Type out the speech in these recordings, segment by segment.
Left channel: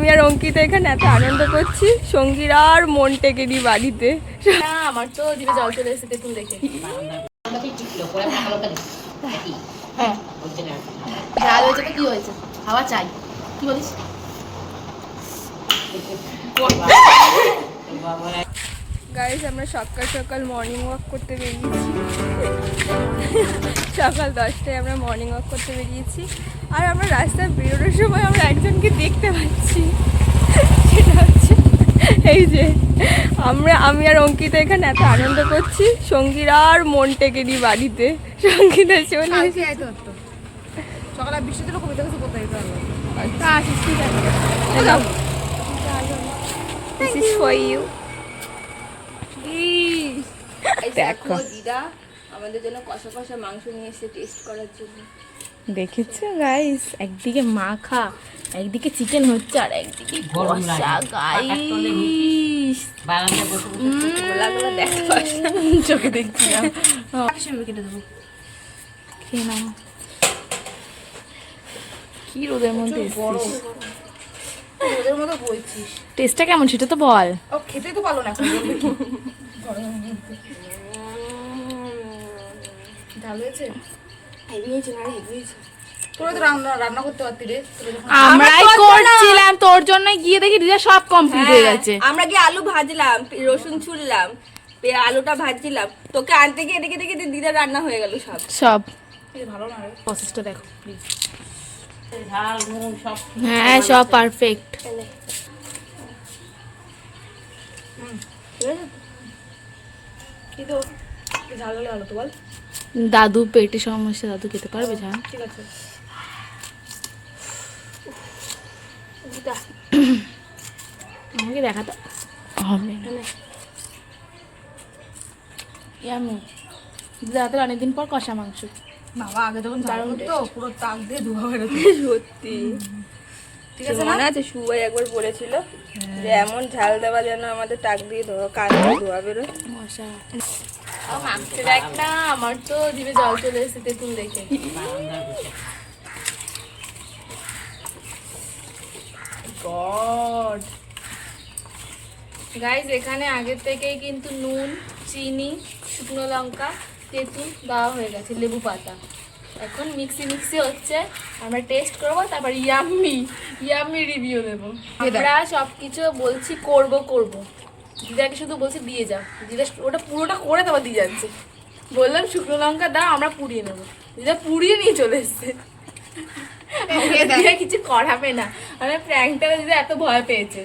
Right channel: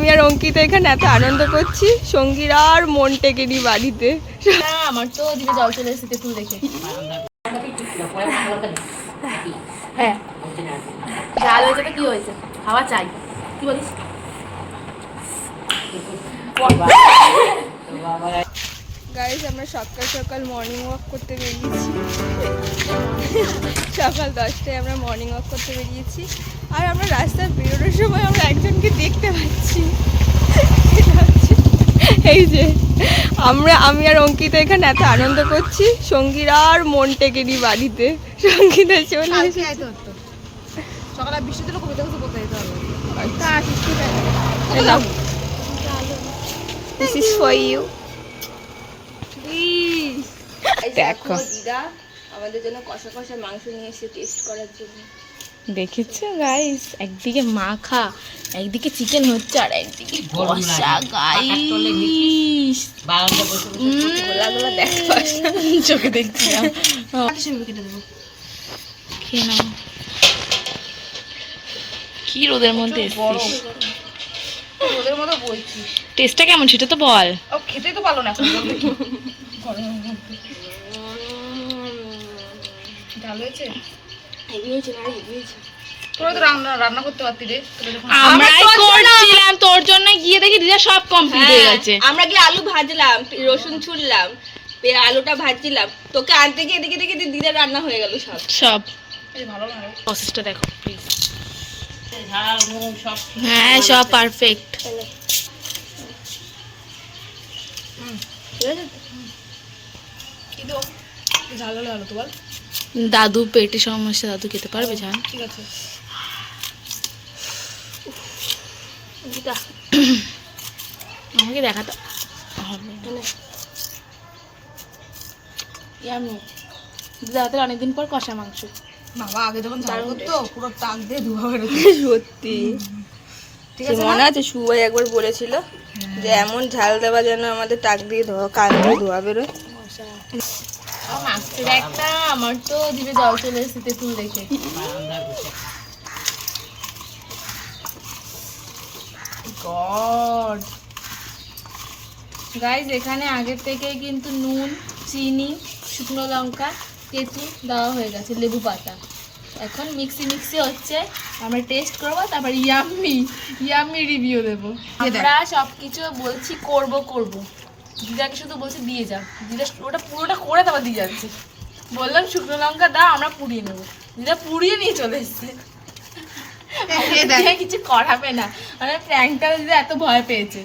আমি আর অঙ্কিতা এখানে এত আনন্দ করছি, সঙ্গীর আর মন টেকেনি বাড়িতে। আমার তো জিভে জল চলে এসেছে তেঁতুল দেখে। হ্যাঁ ঝাল হয়েছে তো কি হয়েছে, খাওয়া চাই। কি বলিস? গাইস আমরা সকাল সকাল মর্নিং ওয়াক করতে বেরিয়েছি। সকাল 10টায় আমরা মর্নিং ওয়াক করতে বেরিয়েছি। আর আমরা রাস্তায় বেরোনোর সময় আমরা একজনকে দেখতে পাচ্ছি, সেটা হচ্ছে এই যে আমি আর অঙ্কিতা এখানে এত আনন্দ করছি, সঙ্গীর আর মন টেকেনি বাড়িতে। সঙ্গীতা চলে এসেছে। সকালে বৃষ্টি দিল, কবিতা কিছু করতে যেতে হবে। This is for you. দেখো দিদা আমাদের জন্য কষা কষা মাংস নিয়ে এসে টেস্ট করার জন্য। দেখেছো গাইস, একদিকে মাখা, একদিকে চিকেন হচ্ছে, আর একদিকে কষা। গাইস গোলাগুলো দেখো, চোখে দেখছি না। কেটে দেবো, খেয়ে নাও। কি রোদের মধ্যে এসছিস, ওদের মতো বলছিস। টেস্টটা কেমন সেটা তো বল। ও খেতেই তো পারলো না এখন। ঝাল হয়েছে, হেভি হয়েছে না? হেভি হয়েছে। তোরা তো রান্না করতে পারতি রে। আমরাই করছিলাম তোর জন্য, গিয়ে দেখি দিদা সব কমপ্লিট হয়ে গেছে। আমরা গিয়ে আলু ভাজলাম, রসুন ছুললাম, আলুটা ভাজছিলাম, তোকে আনতে গিয়ে দেখে দেখে দিদা রান্না হয়ে গেল সব সব। ভালো না প্রসেসটা দেখো প্লিজ। হ্যাঁ সব পারফেক্ট। কিন্তু ঝাল হলে ভালো তো বল। দাদু পেটে সমস্যা, দাদু খেতে পারবে ঝাল? ঠিক আছে। আমাকে দেখা তো দিদা হাতের অনেকদিন পর কষা মাংস। বাবা আগে যখন দারুণ তো পুরো টাক দিয়ে ধোয়া বেরোতো। সত্যি ঠিক আছে, মনে আছে সুবাই একবার বলেছিল যে এমন ঝাল দেওয়া যেন আমাদের টাক দিয়ে ধোয়া, কান দিয়ে ধোয়া বেরোয়। একটা আমার তো জিভে জল চলে এসেছে তেঁতুল দেখে। গড গাইস, এখানে আগের থেকেই কিন্তু নুন, চিনি, শুকনো লঙ্কা, তেঁতুল দেওয়া হয়ে গেছে, লেবু পাতা। এখন মিক্সি হচ্ছে, আমরা টেস্ট করবো, তারপর ইয়াম্মি রিভিউ দেবো। আমরা সব কিছু বলছি করব, দিদাকে শুধু বলছি দিয়ে যাও। দিদা ওটা পুরোটা করে তারপর দিয়ে যাচ্ছে। বললাম শুকনো লঙ্কা দাও, আমরা পুড়িয়ে নেবো। দিদা পুড়িয়ে নিয়ে চলে এসছে। কিছু করাবে না, মানে প্র্যাঙ্কটা দিদা এত ভয় পেয়েছে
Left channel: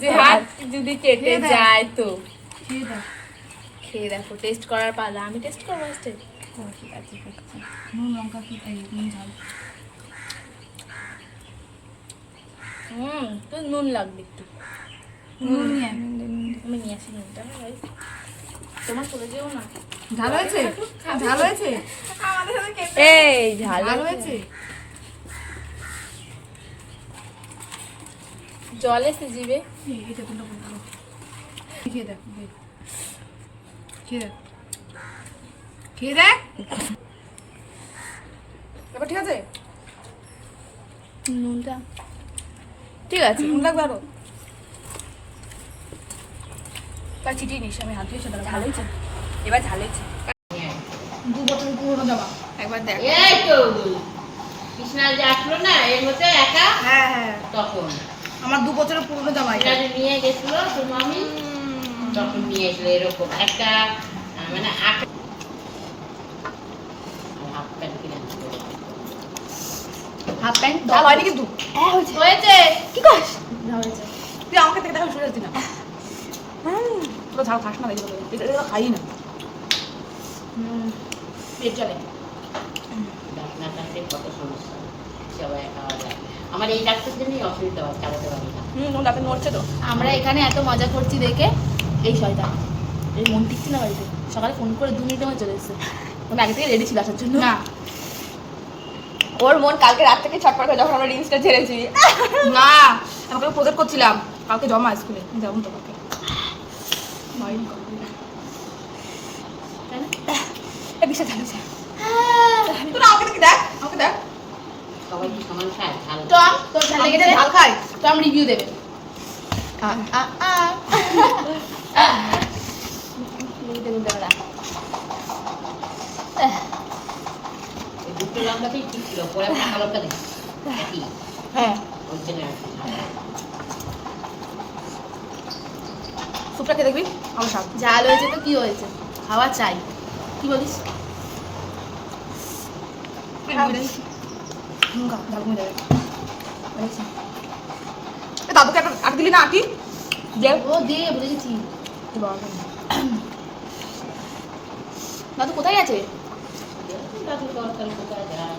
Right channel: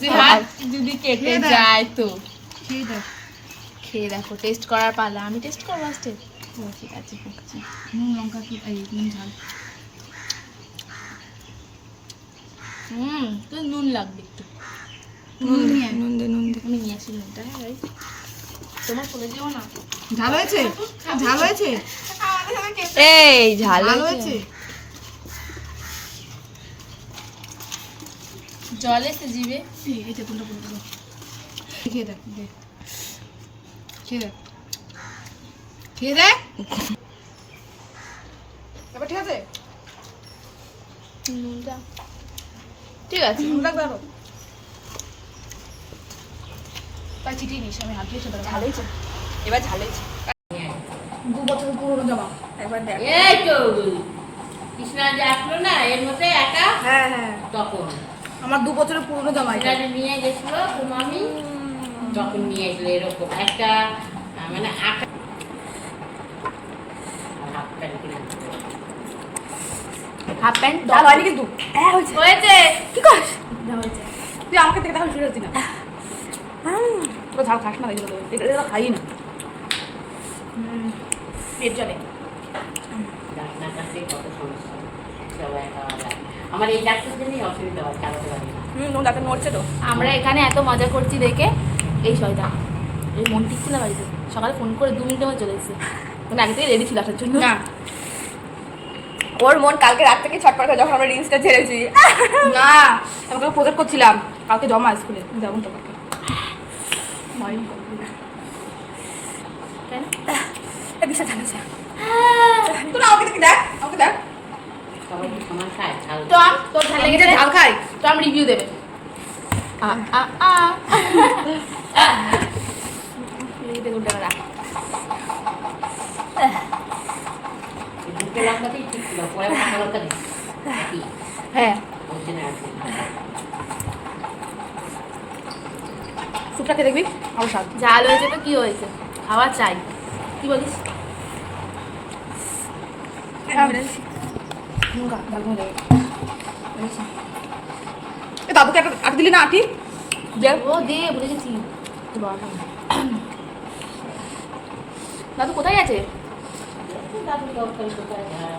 যে হাত যদি কেটে যায় তো। খেয়ে দেখো, টেস্ট করার পালা। আমি টেস্ট করবো ফার্স্টে। ঠিক আছে, নুন লঙ্কা কি নুন ঝাল। তো নুন লাগবে একটু। আমি নিয়ে আসি নুনটা। হ্যাঁ তোমার চলে যেও না। ঝাল হয়েছে, ঝাল হয়েছে, এই ঝাল হয়েছে। জল এসে জিভে। খেয়ে দেখ, খেয়ে দেখ। এবার ঠিক আছে, নুনটা ঠিক আছে। ধরো তাই চিটিয়ে নিস। আমি হাত দিয়ে সেটা ঝাল হয়েছে। এবার ঝাল হয়েছে। 2 বছর পুরোনো জামা একবার দেখ। এই তো কৃষ্ণা যে আসলো না এর মধ্যে একা, হ্যাঁ হ্যাঁ, তখন আমার 2 বছরের পুরোনো জামা এটা। এটা নিয়ে গেছিল তো মামি, তখন নিয়ে এসলো এরকম একটা মানে হাফ প্যান্ট কিনে আনছিল। হাফ প্যান্ট ঝাল হয়নি কিন্তু। হ্যাঁ হয়েছে। কি করিস? হয়েছে। তুই আমাকে দেখে দেখা শুরু করতি না। তোরা ঝাল খাস না, এটা খাই না। পেট চলে। আপনার কাছে কত সমস্যা, সবাই একা যায়। আমার এই ডাক্তার জন্যই অসুবিধা হয়, চালাতে পারি না। ডাক্তার নড়ছে তো। আমরা এখানে এত মজা করছি দেখে এই শয়তান এই মন টিকছে না বাড়িতে। সকালে ফোন করে 2 মিনিটের মধ্যে চলে এসেছে। মানে আগে থেকে রেডি ছিল আসার জন্য। না, ওর মন কালকে রাত থেকে ছটফট করে, যখন আমরা রিলসটা ছেড়েছি। না, আমি তো প্রজেক্ট করছিলাম কালকে, জমা স্কুলে যেমন তো বিশাল ঝাল হয়েছে। তোরা আমাকে দেখ, আমাকে দেখ। সবাই কি সমান খায় ঝাল? টম তোর ঝাল লেগেছে? ঝাল খাই। টম রিভিউ দেবে। দেখুন দাদা, এই দুটো লঙ্কাতেই ঠিক ছিল, পরে পাকা লঙ্কা দিই। একই, হ্যাঁ হচ্ছে না আর কি। স্যুপটাকে দেখবি আমার স্বাদ। ঝাল হয়েছে তো কি হয়েছে, খাওয়া চাই। কি বলিস? এ দাদুকে একটা আট দিলি না আটি? ও দে, ভুলে গেছি। দাদু কোথায় আছে? দাদুর দরকার কোথায় যায়?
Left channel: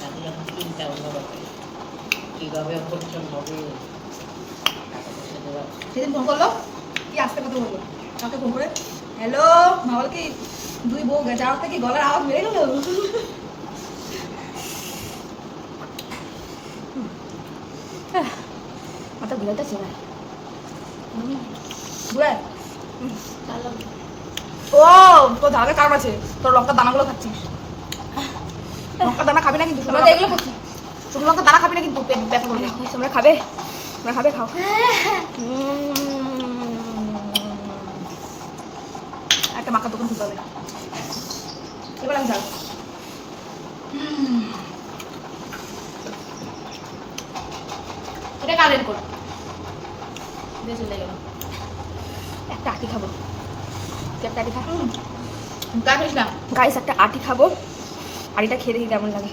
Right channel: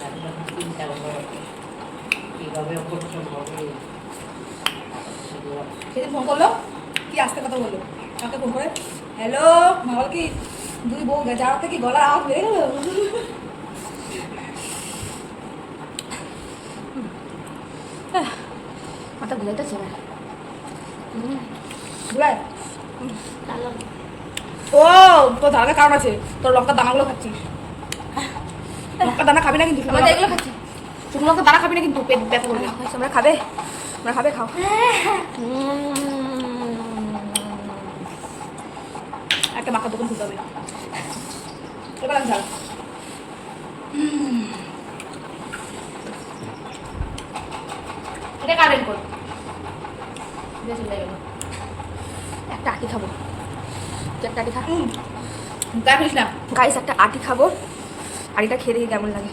দাদুর যখন চিন্তা হলো, কিভাবে পরিশ্রম হবে, সেগুলো সেদিন ফোন করলো, কি আস্তে কথা বললো আমাকে ফোন করে, হ্যালো মা বলে কি দুই বউ যাওয়ার থেকে গলার আওয়াজ বেড়ে গেল। মাথা ঘুরাইতেছে না। বুঝলে? তাহলে ও তোর ধারে কারণ আছে, তোর লঙ্কার দানাগুলো খাচ্ছিস। লঙ্কার দানা খাবি না কিন্তু, আমরা তো এগুলো খাচ্ছি। শুকনো লঙ্কার দানা খাবি না কিন্তু, পেট ব্যথা করবে। তোমরা খাবে? তোমরা খাবে? খাও। একটা মাখা দোকান খুলতে হবে। এবার আমি খাই। এটা কারেন্ট কর। দিয়ে চলে গেল। একটা আটি খাবো। তুই একটা আটি খা। গায়ে ফেলিস না, গাইস একটা আটি খাবো। আটিটা খেয়ে দেখি কেমন লাগে।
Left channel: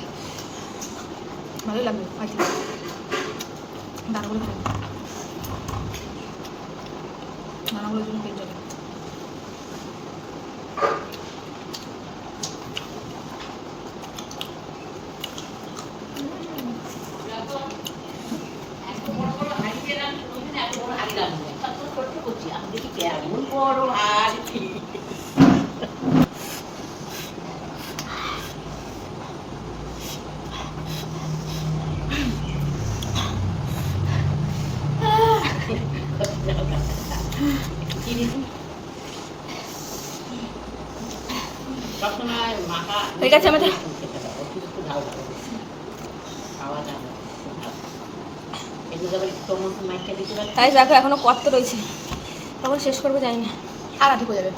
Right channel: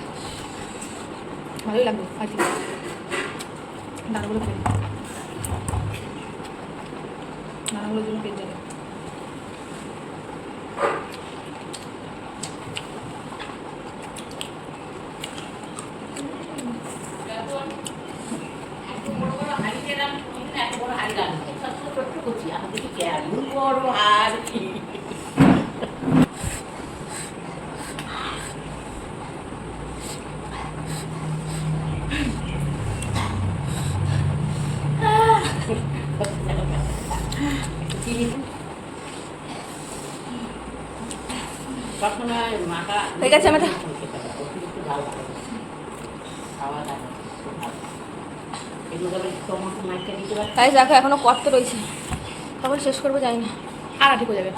ভালোই লাগবে খাইতে। দানাগুলো খেয়ে দানাগুলোর জন্য পেট যাবে। এত বড় বড় হাঁড়িতে রাম, কোনোদিন এত বড় হাঁড়ি রাখবে। ছোট্ট ছোট্ট করছি, আমি দেখি কেমন বড় হাঁড়ি। চিনি সবসময় মাখা হয়ে গেছে আমাদের? খেতে হবে, অতিরিক্ত ঝাল খাওয়া যায় না। এগুলো আবার টমেটো মাইকে দিতে পারে। তাই দেখো এখনো কত রয়েছে, তখন শেষ করবো জানি না। আর ঠিক হয়ে যাবে।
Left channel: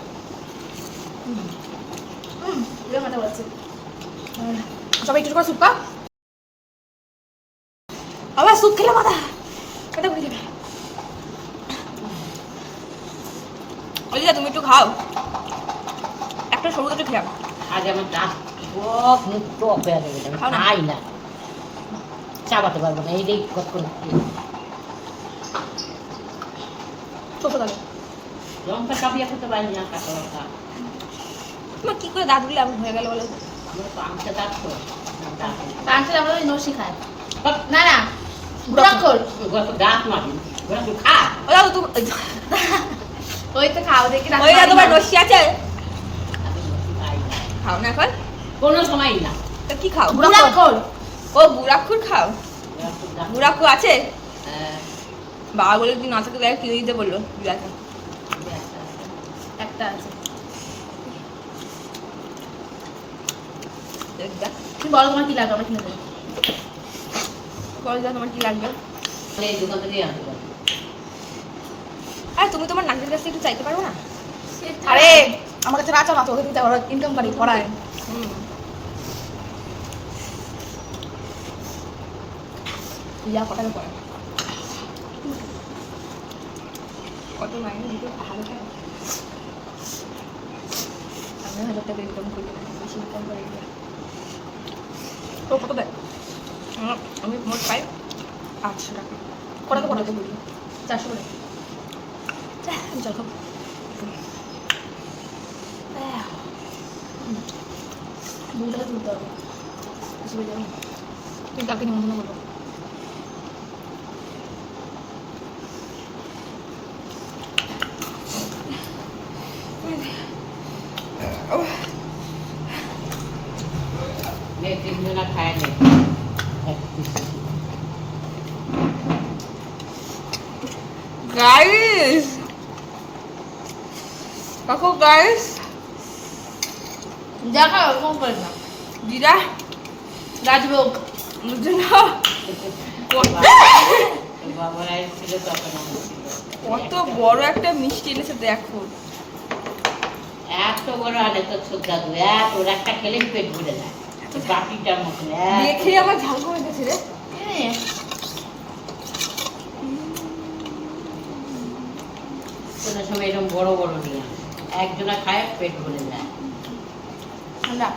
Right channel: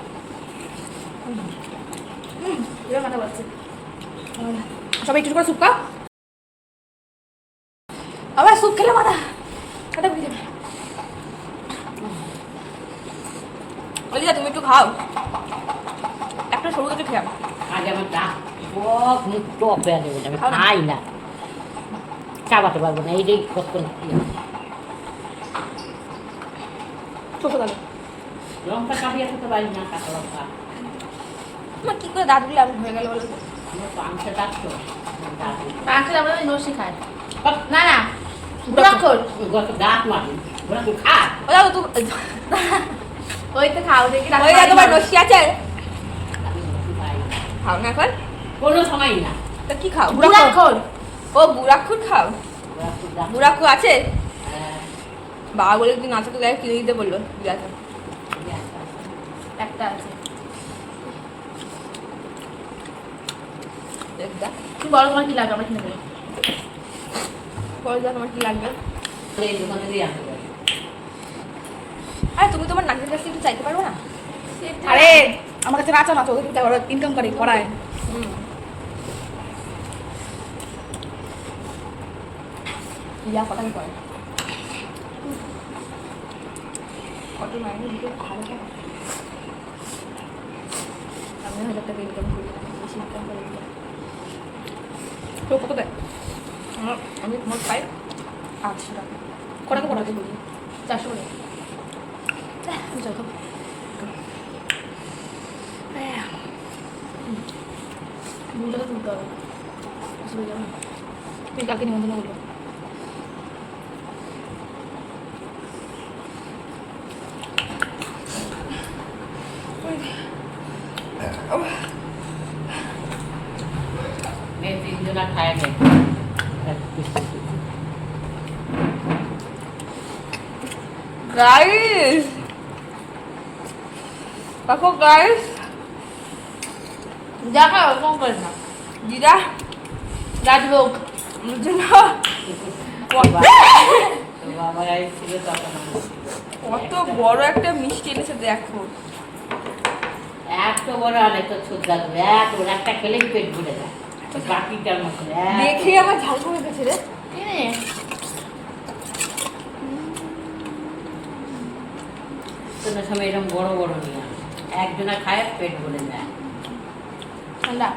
এবার মাথা ঘুরাচ্ছে। সবাই একটু করে স্যুপ খা। আবার স্যুপ খেলে মাথা মাথা ঘুরে যাবে। অলিদা তুমি একটু খাও, একটা সরু একটু খেয়াও। আজ আমার দাঁত টক মুখ টক বেড়া দেবে, আমি খাও না। খাই না, চাবাতে পারবো না, এইটাই কতক্ষণ ছোট তাহলে লঙ্কা চাবিয়ে খেতে পারি না, কাঁচা লঙ্কা। তোমার কি করে দাঁত দিলে আমি হয়ে গেল বলো তো? আমার তো আংশে দাঁত তো, দাঁত পাঁচটা আমরা নসি খায়। সব না না, বুড়াক্ষর। দাঁত মারি, ওরা তো খা। ও দাদা তুমি ওই তো খাও দেখি। ওই তোমার নসি আছে, আমি বেশি খাই না। খাও না এখন? কোনো সময় না। তা কি খাও? বুড়াক্ষর। ও বুড়াক্ষুর খাও? ওরা তো দাঁত- বুড়াক্ষু আছে? হ্যাঁ, বাবা বলে তুই না থাকতে কিনে দিতে বললো। দেখা একটা আছে। দেখ তুমি বলো তোমার কি লাগবে, আমরা কিনে দেবো। বলো তোমার কি লাগবে। এই দোকান থেকেই আনতে পারি। আর তুমি তোমার নাকের কাছ থেকে একটু চাইতে পারো না? আরে আমার কাছে রাচা না তো, ওদের দিতে ওরা ইনকাম করে করায়। ইয়া কটাকে পড়ে কত মাইনে দিতে হাজার টাকা? আমি 1000 টাকা ইনকাম করি না, বেশি ইনকাম করে দিই। তো কত দেয়? আমি মোট পাই 800 টাকা। কটাকে পড়াতে করি 400 করে। চল খাবো। দুটাকে তুলতে হবে। বুঝতে যাবো না। তুই কালকে নিমন্ত্রণ করবো। মেয়ে তিনজনা খায় না। গাইস দেখো গাইস, দেখা ওরকম করে না। দিদা রাজভোগ। আমার জন্য বাবা এসেছিল তখন আমার ছিল। কত বড় একটা মিষ্টি এনেছে দেখো। এত বড় আনে তো শ্রদ্ধা দেবে, এত ওর একটা খেলেই পেট ভরে যায়, কাটিটার মতন দেখে আমার ঝাল কমে গেছে রে। ছোট সময় এরকম বড় বড় নিয়ে আসে, একজনা খায় পেট ভরে যায়। ঠান্ডা।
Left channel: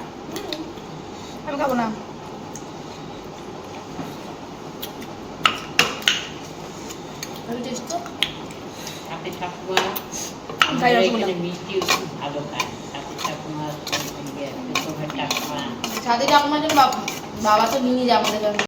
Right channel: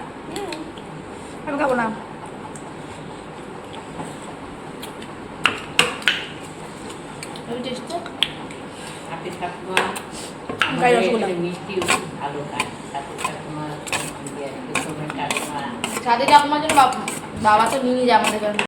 আমি খাবো না। টেস্ট তো সাথে ঠাকুমা খাই আমাদের রসগোল্লা। এখানে মিষ্টি খুব ভালো খায়, সাথে ঠাকুমা ঠাকুমা সাথে ঠাকুমার জন্য বাবা তো নিয়ে যায় আমাদের কাছে।